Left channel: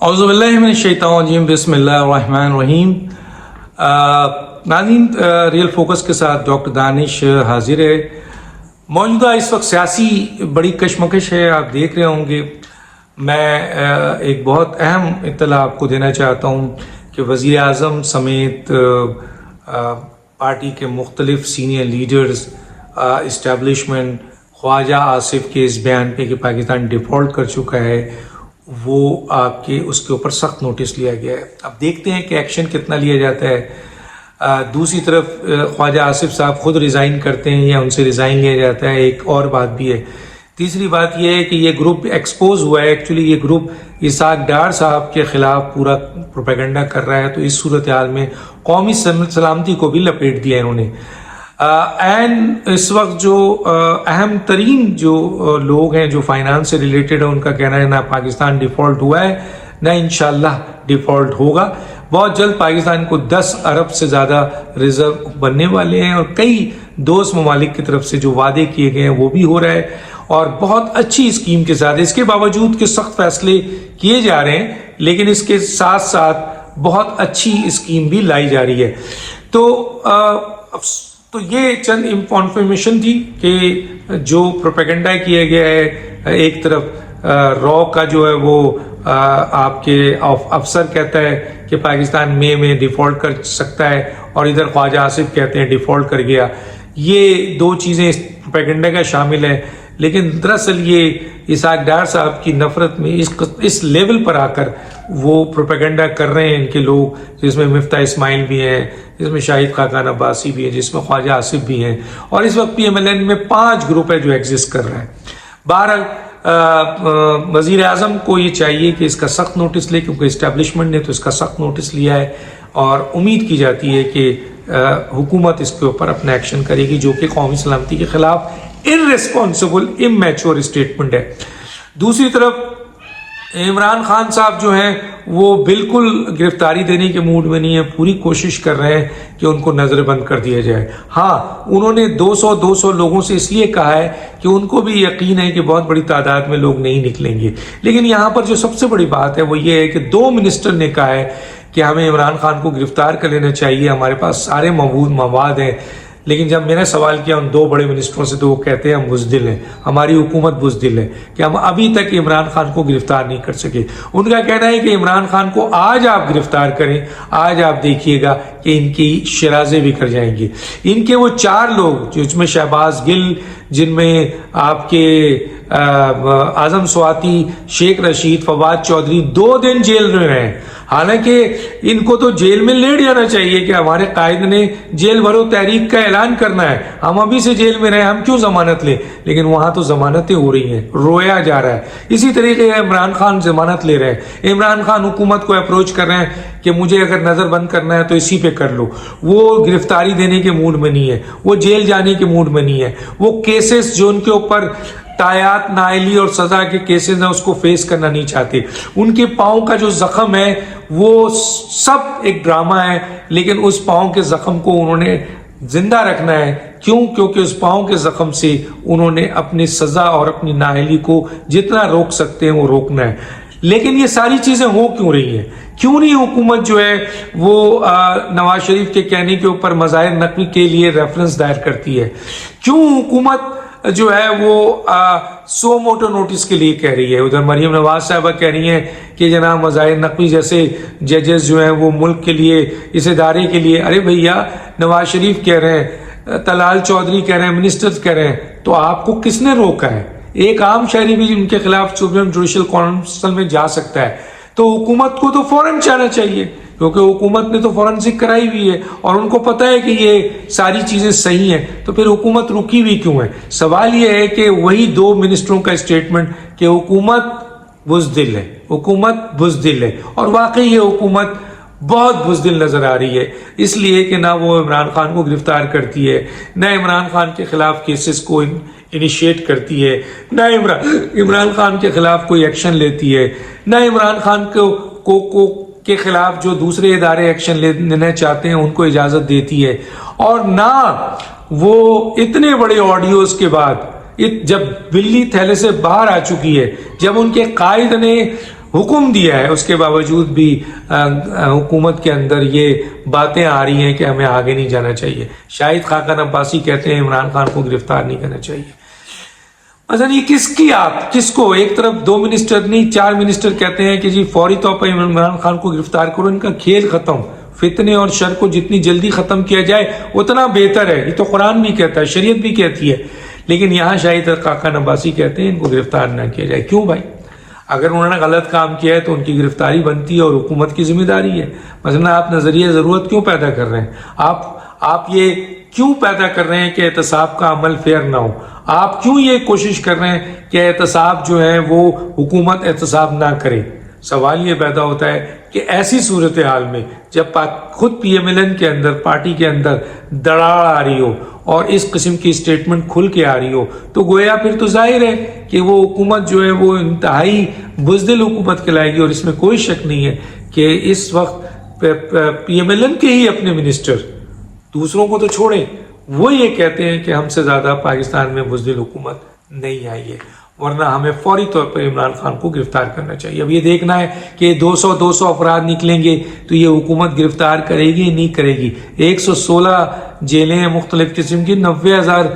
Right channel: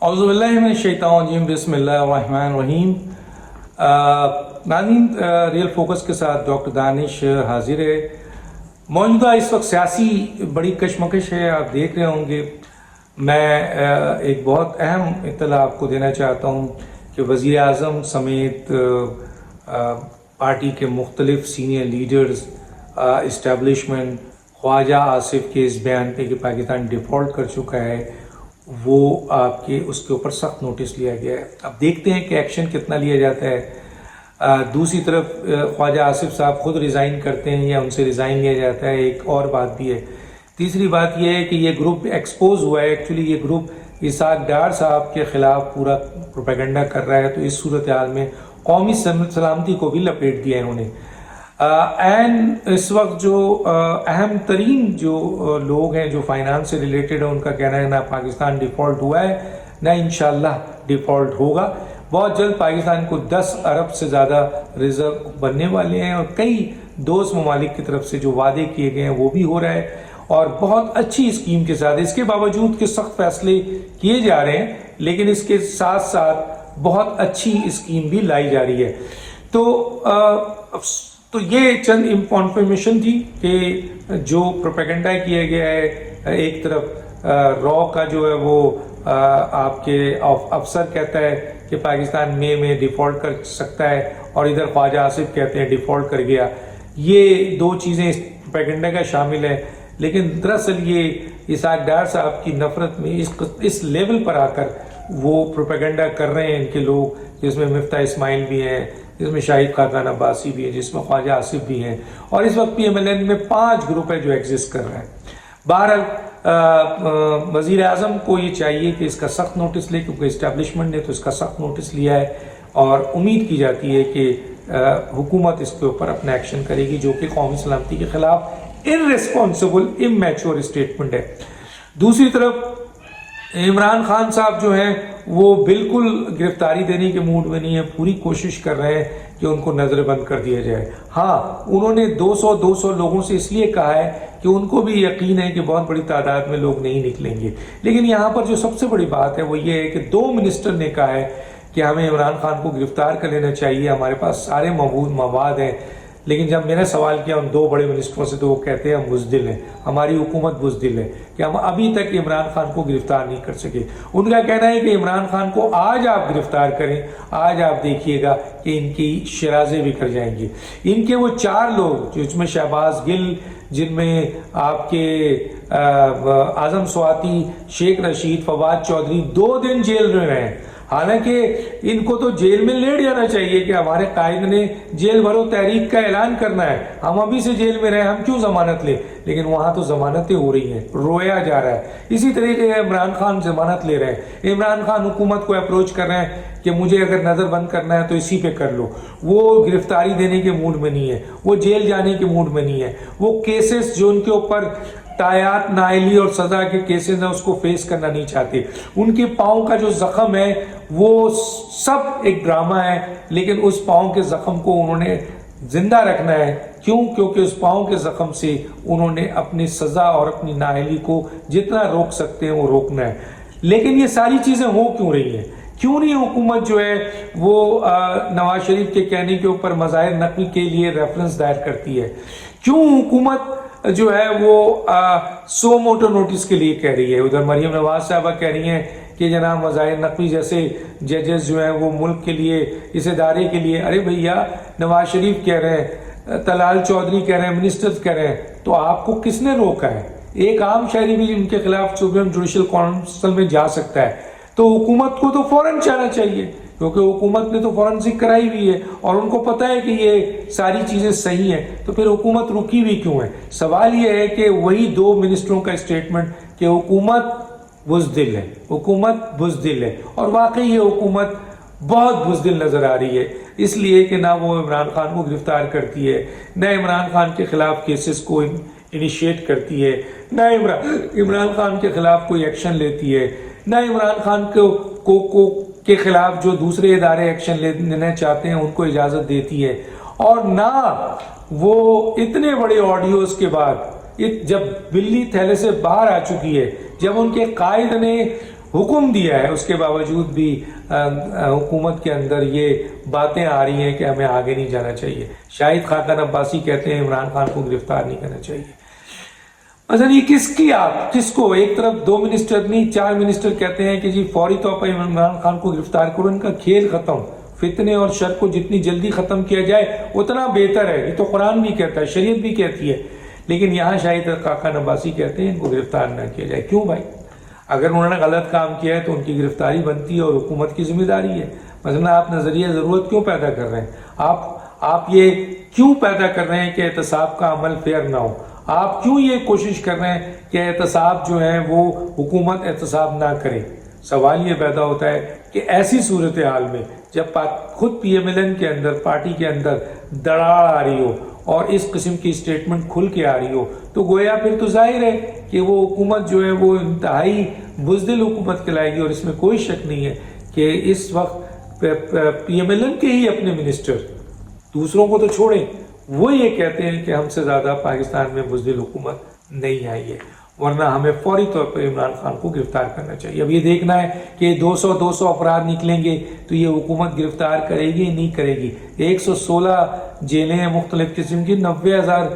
औज़ुबिल्लाहिमिनश्शैतानिर्रजीम बिस्मिल्लाहिर्रहमानिर्रहीम। नाज़रीन, real focus के साथ डॉक्टर दानिश हाजिर है। मौजूदा इस वक्त सियासी बड़ी कशमकश है, आप देख रहे होंगे। मैं एक बहुत अहम इत्तला आपको देना चाहता हूँ कि वज़ीर आज़म समेत पार्टी के मुख्तलिफ senior leaders, establishment, Khawaja Asif के इस बयान पे कि पाकिस्तान डिफ़ॉल्ट कर चुका है, वो आपके उसके ऊपर सख्त नोटिस लिया गया है। अब देखते हैं कि एक्शन कितना लिया जाता है। दूसरी तरफ ख्वाजा आसिफ साहब खुद रिज़ाइन करते हैं या उनसे रिज़ाइन लिया जाता है, एक और बात भी है। तीसरी बात यह है कि ये ग्रुप एक्सपोज हुआ है। एक्चुअली ये ग्रुप इसाक डार साहब के ख़िलाफ़ पूरा प्रोपेगेंडा कर रहा है, तो इस सूरत हाल में कौमी सलामती को भी लपेट दिया इन्होंने। एंड इस वक्त जो अहम तरीन जो लोग हैं जो फाइनेंस से रिलेटेड है, उनका कहना है ना पाकिस्तान डिफ़ॉल्ट हुआ है ना इंशाल्लाह डिफ़ॉल्ट होगा। बहुत जल्द पाकिस्तान को 10 अरब से ज़्यादा रिजर्व बनने वाले हैं और कई दोस्त ममालिक की तरफ से जो वादे किए गए हैं वो भी हो रहा है और बहुत अच्छी स्कीम के साथ। इसके बावजूद कि सख्त फैसले किए जा रहे हैं, लेकिन इसके साथ साथ बहुत अच्छी स्कीम भी लाई जा रही है। तो ये चंद इंफॉर्मेशन थी कि जो प्रोपेगेंडा किया गया है। एक तरफ रॉ का जो है वो आपके अफसर कहता है कि पाकिस्तान में डिफ़ॉल्ट कर सकता है और इधर ख्वाजा आसिफ कहते हैं डिफ़ॉल्ट कर गया। ये दो चीज़ें इस प्रोपेगेंडा का शामिल है, लेकिन दरअसल ये इसाक डार साहब की नफरत में इस लेवल पर आकर वो प्रोपेगेंडा कर रहे हैं इनके लोग, जिसमें मिफ्ता इस्माइल भी हैं, जिसमें शाहिद खाकान अब्बासी भी है, जिसमें ख्वाजा आसिफ भी हैं, और इस वक्त PMLN में 5 ग्रुप है जो एग्जिस्ट कर रहा है। बहरहाल वज़ीर आज़म को ये चाहिए कि इसका सख्त नोटिस ले, क्योंकि इस्टेब्लिशमेंट ने तो इसका सख्त नोटिस लिया है और उम्मीद की जाती है कि हुकूमत इसके ऊपर अपना एक्शन करेगी, जो कि कौमी सलामती के खिलाफ इररेस्पॉन्सिबल इमैच्योर स्टेटमेंट है। दूसरी तरफ इमरान खान साहब जो हैं वो बिल्कुल गिरफ्तारी देने के मूड में नहीं है, पूरी कोशिश कर रहे हैं कि उनको नज़रबंद कर दिया जाए। हाँ, उन्होंने 200 लोगों से इसलिए कहा है कि उनको भी यकीन है कि बहुत बड़ी तादाद में लोग नहीं निकलेंगे। लेकिन यहाँ पर जो सबसे बड़ी बात है वो ये है कि 2 मिनिस्टर ने कहा है कि हमें इमरान खान को गिरफ्तार कर लेना चाहिए, हमारे पास सारे मवाद हैं। लेकिन जब मैंने सवाल किया उन 2 बड़े मिनिस्टरों से, तो वो कहते हैं हम बुज़दिल हैं, हमारी हुकूमत बुज़दिल है कि हम अभी तक इमरान खान को गिरफ्तार नहीं कर सके। उनका कहना है कि इमरान खान को आज आप गिरफ्तार करें, आज आप देखिएगा कि इनकी शराज़ें बिखर जाएंगी। इनके वो 4 लोग जिसमें शहबाज गिल, जिनमें आपके आज़म स्वाति, शेख रशीद, फवाद चौधरी 2 दिन जेल में रहे। हालांकि इनको तो जेल में लेट जाना चाहिए कि हमारे कायद ने जेल भरो तहरीक का ऐलान करना है, हम अभी से जेल में रहे, हम क्यों जमानत लें। लेकिन वहां तो जमानतें हो रही हैं, रोया जा रहा है। इसी तरीके इमरान खान जमानत ले रहे हैं। इमरान खान हुकूमत को अप्रोच कर रहे हैं कि मुझे अगर नजर बंद करना है तो इसी पे कर लो। वो गिरफ्तारी देने के मूड में नहीं है, वो जेल जाने के मूड में नहीं है। वो केसेस जो उनके ऊपर तायात, नाइली और सजा के केसेस हैं उसको फेस करना नहीं चाहते। उनके पाँव का जो जख्म है वो सब एक ड्रामा है, लेकिन उस पाँव के जख्म को उन्होंने जिंदा रखना है। क्यों? क्योंकि उस पाँव के जख्म से उन्होंने अपनी सजा और अपनी नाइली को जितना रोक सकते हैं वो रोकना है। लेकिन ये सारी चीजें हो क्यों रही हैं? क्यों नहीं हुकूमत जो है वो नवाज शरीफ के कहने के ऊपर मज़ाहिर नकवी के लिए रेफरेंस दायर करती है? क्यों हुकूमत जो है वो सो मोटो नोटिस के लिए कह रही है? उधर मरियम नवाज साहबा कह रही हैं कि जनाब मज़ाहिर नकवी जैसे जजेस जो हैं वो मुल्क के लिए, इस इदारे के लिए। अरे भैया, नवाज शरीफ कह रहे हैं, तलाल चौधरी कह रहे हैं, मिनिस्टर्स कह रहे हैं, तो आपको किसने रोका है? एक आम शहरी भी उनके खिलाफ सुप्रीम जुडिशल काउंसिल में जा सकता है। तो हुकूमत को तो फौरन जाना चाहिए, क्योंकि हुकूमत ने तो फॉरेंसिक कराई हुई है और उनको पता है कि ये सारी चीजें सही हैं। तो फिर हुकूमत रुकी हुई क्यों है? सवाल ये है कि वही 2 मिनिस्टरों का स्टेटमेंट कि हुकूमत बुज़दिल है, हुकूमत बुज़दिल है, और वाकई ये हुकूमत बहुत बुज़दिल नजर आ रही है, इसलिए कि ना वो इमरान खान को गिरफ्तार करती है, ना इमरान खान के खिलाफ केसेस को इनिशिएट करती है, ना इमरान खान के खिलाफ कोई एक्शन लेती है, ना इमरान खान को के खिलाफ जो दूसरे इदारे एक्शन लेना चाहते हैं उनको इजाजत देती है, और ना वो इतने बड़े ऑडियोज के बाद जब बिल्ली थैले से बाहर आ चुकी है, जब उनके कायद ने حکم دیا ہے، اس کے باوجود بھی حکومت کے اندر یہ باتیں آ رہی ہیں کہ ہمیں آگے نہیں جانا چاہیے. شاہد خاقان عباسی کہتے ہیں عمران خان کو گرفتار نہیں کرنا چاہیے. مثلا یہ کس کو ایک طرف 2 منسٹر نہیں 4 منسٹر کہتے ہیں کہ جی فوری طور پر عمران خان کو گرفتار کرو، ان کا کھیل ختم. فتنے اور شر کو جتنی جلدی ختم کیا جائے اتنا بہتر ہے. یہ تو قرآن بھی کہتا ہے، شریعت بھی کہتی ہے. لیکن یہاں شاہد خاقان عباسی کہتے ہیں ان کو گرفتار نہ کیا جائے. کیوں بھائی؟ اگر انہوں نے غلط کام کیا ہے تو ان کی گرفتاری بنتی ہے اور حکومت کی ذمہ داری ہے. مثلا آپ نظریہ ضرورت کیوں پیدا کر رہے ہیں؟ آپ یہ کیوں پیدا کر رہے ہیں کہ احتساب کا عمل فیئر نہ ہو؟ آپ کیوں یہ کوشش کر رہے ہیں کہ احتساب جو ہے وہ حکومت احتساب نہ کرے؟ سوال یہ پیدا ہوتا ہے کہ ایسی صورتحال میں جب خود پی ایم ایل این کے اندر پارٹی کے اندر دراڑ آ رہی ہو اور اس قسم کی اسٹیٹمنٹ کھل کے آ رہی ہو تو گویا پھر تو ظاہر ہے کہ وہ حکومت جو ہے وہ انتہائی بزدل حکومت کہلائے گی. اور اس میں کوئی شک نہیں ہے کہ اس وقت پی ایم ایل این کے ہی اپنے منسٹر، دوسروں کو تو چھوڑیں، وہ یہ کہتے ہیں کہ ہم سے زیادہ پاکستان میں بزدل حکومت نہیں آئی ہے، ورنہ ہمیں فوری طور پر عمران خان کو گرفتار کرنا چاہیے. اب یہ دیکھنا ہے کہ 200 افراد نکلیں گے تو یہ حکومت گرفتار کرے گی نہیں کرے گی. 116 جیلیں ہیں مختلف قسم کی، 90,000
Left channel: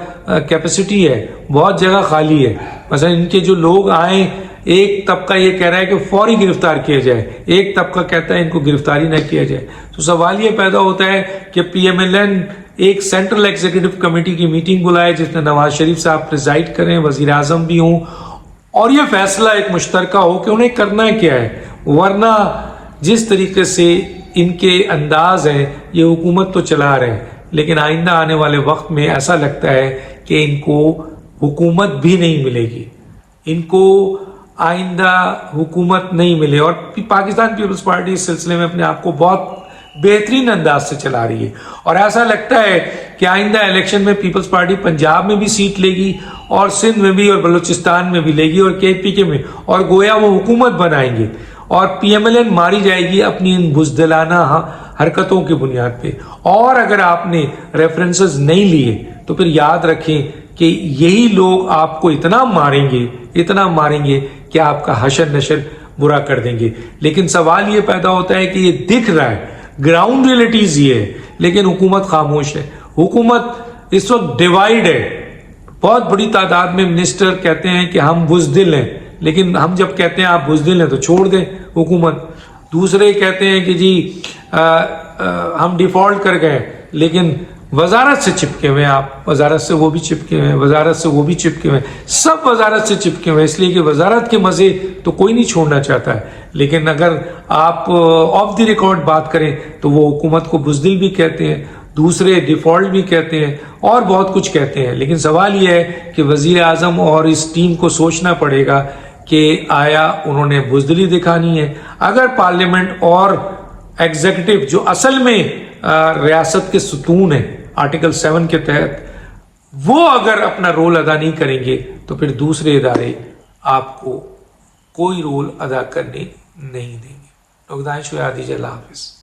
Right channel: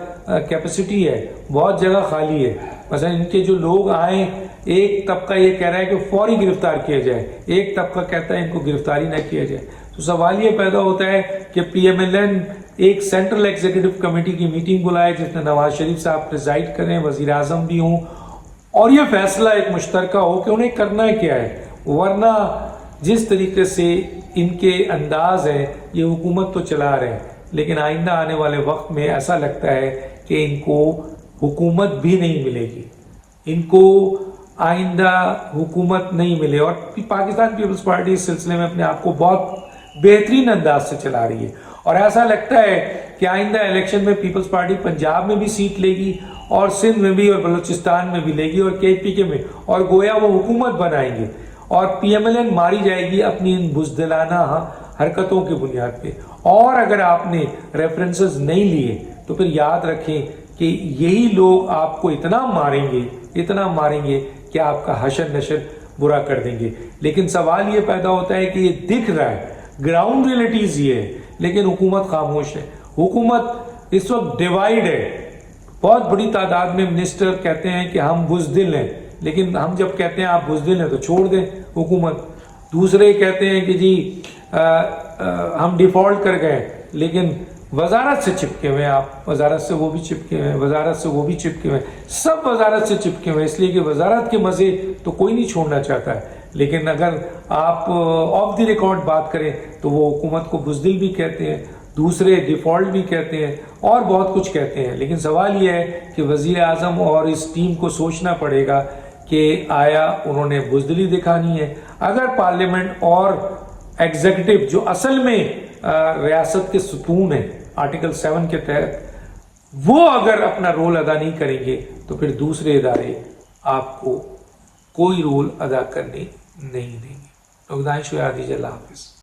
کیپیسٹی ہے، بہت جگہ خالی ہے. مثلا ان کے جو لوگ آئیں، ایک طبقہ یہ کہہ رہا ہے کہ فوری گرفتار کیا جائے، ایک طبقہ کہتا ہے ان کو گرفتاری نہ کیا جائے. تو سوال یہ پیدا ہوتا ہے کہ پی ایم ایل این ایک سینٹرل ایگزیکٹو کمیٹی کی میٹنگ بلائے جس میں نواز شریف صاحب پریزائڈ کریں، وزیر اعظم بھی ہوں، اور یہ فیصلہ ایک مشترکہ ہو کہ انہیں کرنا کیا ہے. ورنہ جس طریقے سے ان کے انداز ہیں یہ حکومت تو چلا رہے ہیں، لیکن آئندہ آنے والے وقت میں ایسا لگتا ہے کہ ان کو حکومت بھی نہیں ملے گی، ان کو آئندہ حکومت نہیں ملے. اور پاکستان پیپلز پارٹی اس سلسلے میں اپنے آپ کو بہت بہترین انداز سے چلا رہی ہے، اور ایسا لگتا ہے کہ آئندہ الیکشن میں پیپلز پارٹی پنجاب میں بھی سیٹ لے گی اور سندھ میں بھی اور بلوچستان میں بھی لے گی اور KPK میں، اور گویا وہ حکومت بنائیں گے اور پی ایم ایل این ماری جائے گی اپنی ان بزدلانہ حرکتوں کی بنیاد پہ. اور اگر آپ نے ریفرنسز نہیں لیے تو پھر یاد رکھیں کہ یہی لوگ آپ کو اتنا ماریں گے کہ آپ کا حشر نشر برا کر دیں گے. لیکن سوال یہ پیدا ہوتا ہے کہ یہ دکھ رہا ہے، گراؤنڈ ریئلٹیز یہ ہے، لیکن حکومت خاموش ہے. حکومت اس وقت ڈیوائیڈ ہے. بہت بڑی تعداد میں منسٹر کہتے ہیں کہ ہم بزدل ہیں، لیکن ہم جب کہتے ہیں آپ بزدل ہیں تو چھوڑ دیں حکومت. دوسرے کہتے ہیں کہ جی ہم ڈیفالٹ کر گئے، لیکن وزارت سے چپکے ہوئے ہیں، آپ وزارت سے وہ بھی چپکے ہوئے ہیں، وزارت سے وہ بھی چپکے ہوئے ہیں، سب وزارت سے چپکے ہوئے ہیں، اس لیے کہ وزارت کے مزے تو کوئی نہیں چھوڑنا چاہتا ہے. لیکن اگر آپ آف دی ریکارڈ بات کریں تو وہ حکومت کو بزدل بھی کہتے ہیں، دوسرے ڈیفالٹ بھی کہتے ہیں اور بہت کچھ کہتے ہیں. لیکن سوال یہ ہے کہ وزیر اعظم اور اس ٹیم کو سوچنا پڑے گا کہ آیا انہوں نے بزدلی دکھانی ہے. اگر پارلیمنٹ اور ایگزیکٹو جو اصل میں ریاست کے ستون ہیں آرٹیکل 7 کے تحت، وہ اگر اپنا رول ادا نہیں کریں گے تو پھر دوسرے ادارے آپ کو کوئی رول ادا کرنے نہیں دیں گے. اللہ حافظ.